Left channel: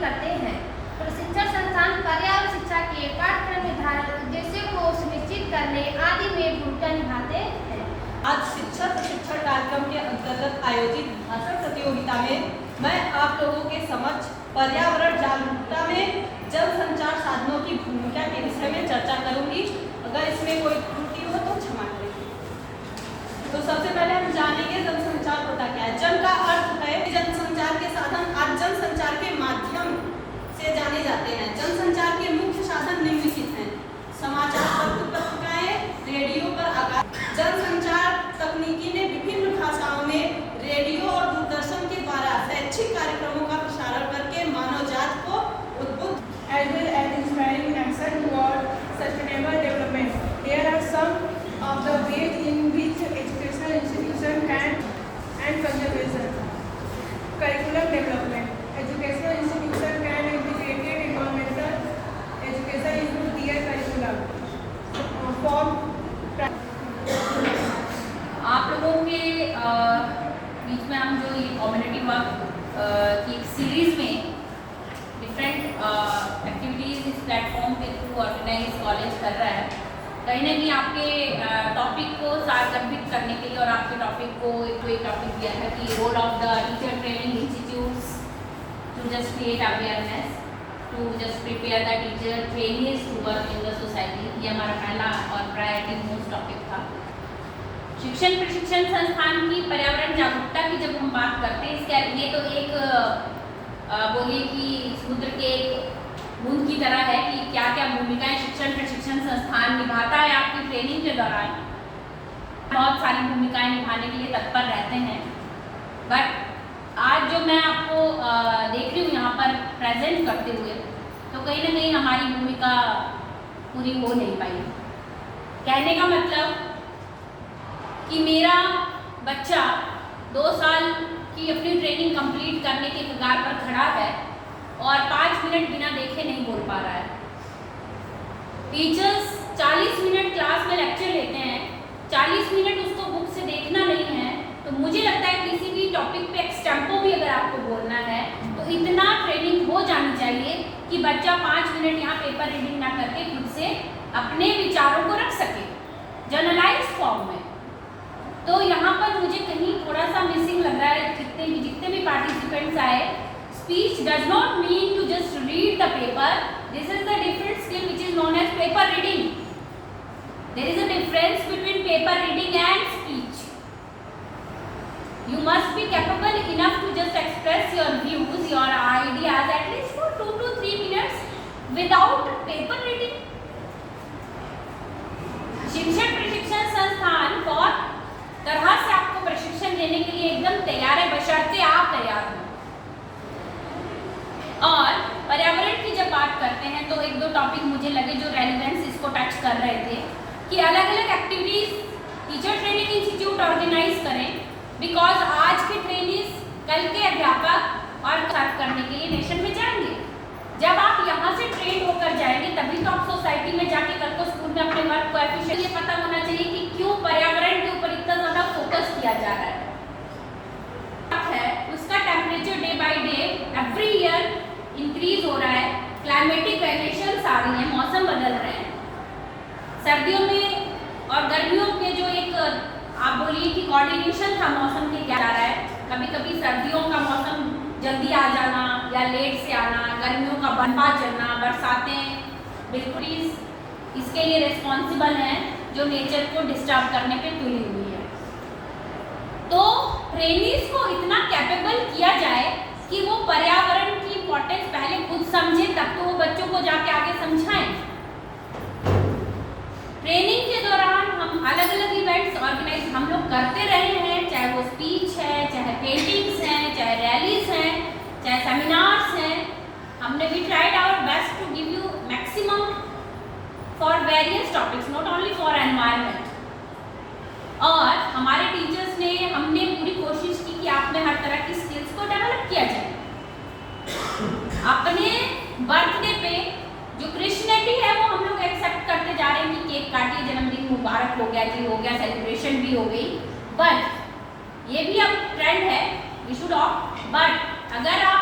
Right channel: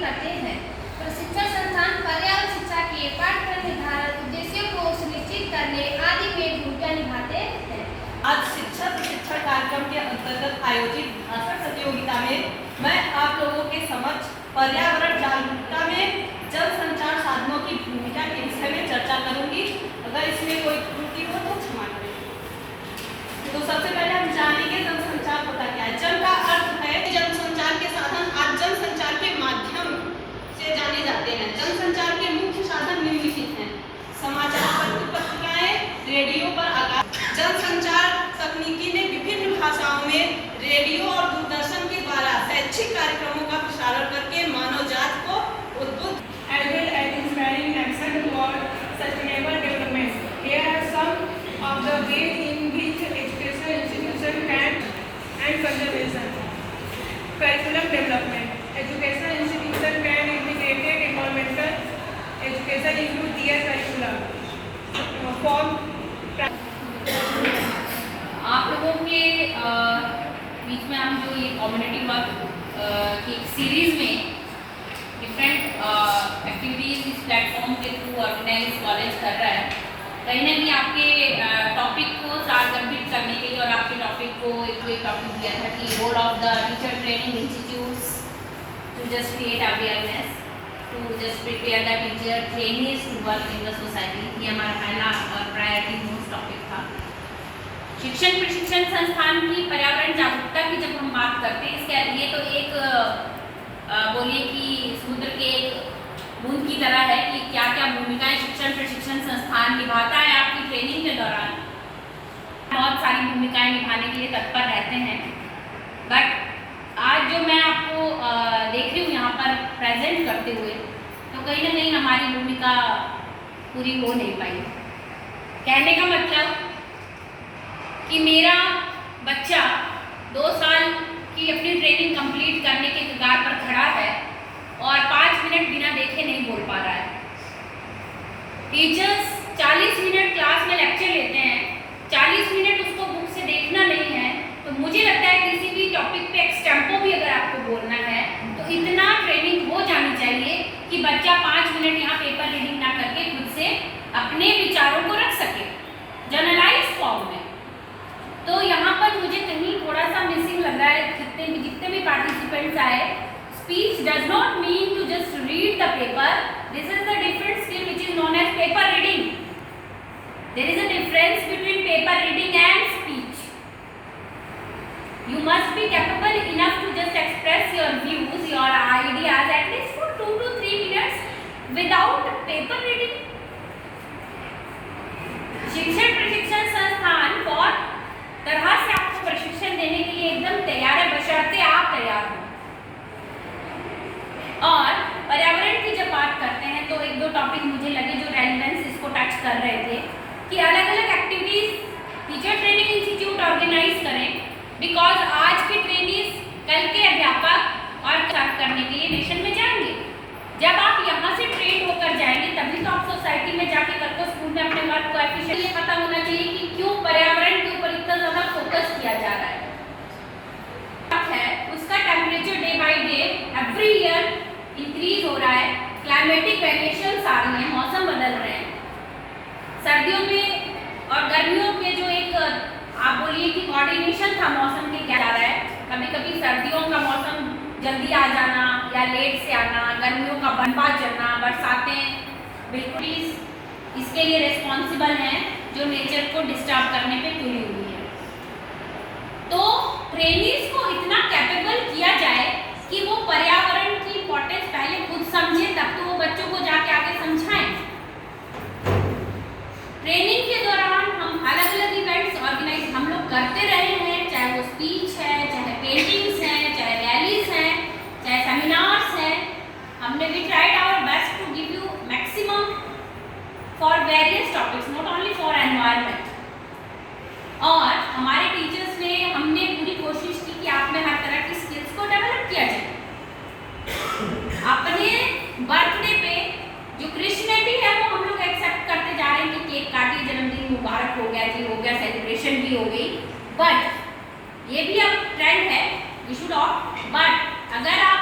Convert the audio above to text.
करते हैं। प्रशिक्षण संस्थान पर्यावरण शिक्षा के पाठ्यक्रम निर्धारित उद्देश्यों को सुनिश्चित करने आदि में भूमिका निभाते हैं। आज शिक्षा प्रशिक्षण कार्यक्रम के अंतर्गत आयोजित भाषण प्रतियोगिता में मैं आप लोगों के समक्ष पर्यावरण जागरूकता में जन संचार साधनों की भूमिका के विषय में चर्चा करूंगी। अगर इसमें कोई त्रुटि हो तो क्षमा करें। तो सबसे पहले हम जानेंगे जनसंचार होता क्या है। जन का अर्थ है जनसंचार के साधन। आज जनसंचार के माध्यम से जाने जाते हैं। जनसंचार के मुख्य साधन निम्नलिखित हैं: समाचार पत्र पत्रिकाएं, रेडियो पर आगाह। जनसंचार तकनीकी ने विभिन्न भाषाओं में रेडियो और दूरदर्शन के द्वारा शैक्षिक कार्यक्रमों का प्रसारण करके मानव जाति को उद्बुद्ध as well as inspiring action toward sustainable development. Here are some of the ways in which educational institutions can and conservation. Curriculum development. Educational institutions can integrate environmental education into their curriculum. Form. आप लोगों के बीच में हम जो ये community work की series में different activities इस प्लेटफॉर्म के थ्रू ऑर्गेनाइज कॉलेज कर रहा है, कहीं ना कहीं आपके टॉपिक को साथ कंप्लीट करने के लिए और आपके टॉपिक को एक टॉपिक दिया था कि role of the teacher training institutes to just create awareness, to just prepare the teacher trainings to work in the society. ये हमारा पहला और प्रायोरिटी मोस्ट टॉपिक था। शिक्षण प्रशिक्षण संस्थान की पर्यावरण जागरूकता की जब हम बात करते हैं, इसके लिए तो एक बोलिए कि समुद्र के एक बूंद की तरह है कि क्या क्या भूमिकाएं शिक्षण प्रशिक्षण संस्थान निभाता है आपकी ट्रेनिंग के दौरान। बहुत सारी भूमिकाएं निभाने के लिए तत्पर रहते हैं, बट आज जो मैं आपको देख रही हूँ यहाँ पर प्रेजेंट करते हुए, तो कहीं ना कहीं हमारी भूमिका पूरी हो नहीं पाई। कहने का मतलब कि मेरा बच्चा 2 साल की अपनी ट्रेनिंग कंप्लीट करने के कगार पर खड़ा है और 5 मिनट बिना देखे नहीं बोल पा रहा है। टीचर्स 40 मिनट क्लास में लेक्चर लेते हैं, 40 मिनट उसको बुक से देखना नहीं है। तो मुझे लगता है किसी भी टॉपिक पे एक्सटेम्पो भी अगर आपको बोलना है तो इतना ट्रेनिंग हो जानी चाहिए कि बच्चा 5 मिनट यहाँ पेपर रीडिंग ना करके खुद से अपने विचारों को रख सके जर्नलाइज फॉर्म में। तो यहाँ पर मुझे कहीं थोड़ा सा मिसिंग लग रहा है। जितने भी पार्टिसिपेंट्स आए, speech does not mean to just read the paper. This is the different skill which is known as paper reading. There is a difference between paper reading and speech. You must be capable enough to just express your views, your ideas at least for 2 to 3 minutes without paper reading. शिक्षण प्रशिक्षण संस्थान और तरह से आपको प्रशिक्षण देने के लिए एकदम तैयार है, बशर्ते आप तैयार हो। और पर्यावरण की जब बात करते हैं तो 1-2 टॉपिक मुझे लगे जो रेलिवेंस इसको टच कर रहे थे कि अलग अलग activities teacher training institute organize करें, बिकॉज आज के ट्रेनिंग कल के अध्यापक और सर्व करने के लिए नेशन में जाएंगे। जब आप यहाँ से ट्रेन होकर जाएंगे तभी तो आप सोसाइटी में जाके कल को स्कूल में अपने वर्क को एफिशिएंट। ये पता होना चाहिए कि क्यों पर्यावरण के ऊपर इतना ज्यादा फोकस किया जा रहा है। उसका temperature day by day every year increase हो रहा है। क्लाइमेटिक वेरिएशंस आ रही हैं, मौसम बदल रहे हैं। सर्दियों में और गर्मियों में जो एक आप बोलिए कि कोऑर्डिनेशन था मौसम के क्या जा रहा है, कभी कभी सर्दियों का मौसम जल्दी आ जाना या लेट से आना, गर्मियों का बनपा चलना, बरसातें बिल्कुल इसके लिए रिस्पॉन्सिबल हैं जो नेचर को डिस्टर्ब करने पे तुली हुई है। तो ट्रेनिंग्स को इतना कैपेबल किया जाए कि वो पर्यावरण की इंपॉर्टेंस पहले खुद समझे, तब तो वो बच्चों को जाके आगे समझाएं। ट्रेनिंग के दौरान हम अलग अलग इवेंट्स ऑर्गेनाइज हम लोग करते रहे हैं, चाहे वो स्पीच है, चाहे पेंटिंग्स हैं, चाहे रैलीज हैं, चाहे सेमिनार्स हैं। हमने भी tried our best to give you maximum for various topics, not only for environment. और हमारे टीचर्स ने हमने पूरी कोशिश की कि आप में हर तरह की स्किल्स को डेवलप किया जाए। अपने बर्थडे पे जो क्रिश्चियनिटी है वो हम लोग एक्सेप्ट करते जा रहे हैं कि केक काटिए, जन्मदिन मुबारक हो गया जी, हो गया, सेलिब्रेशन भी हो गई। बट ये भी अब ट्रेंड है, वी शुड ऑफ। बट अगर आप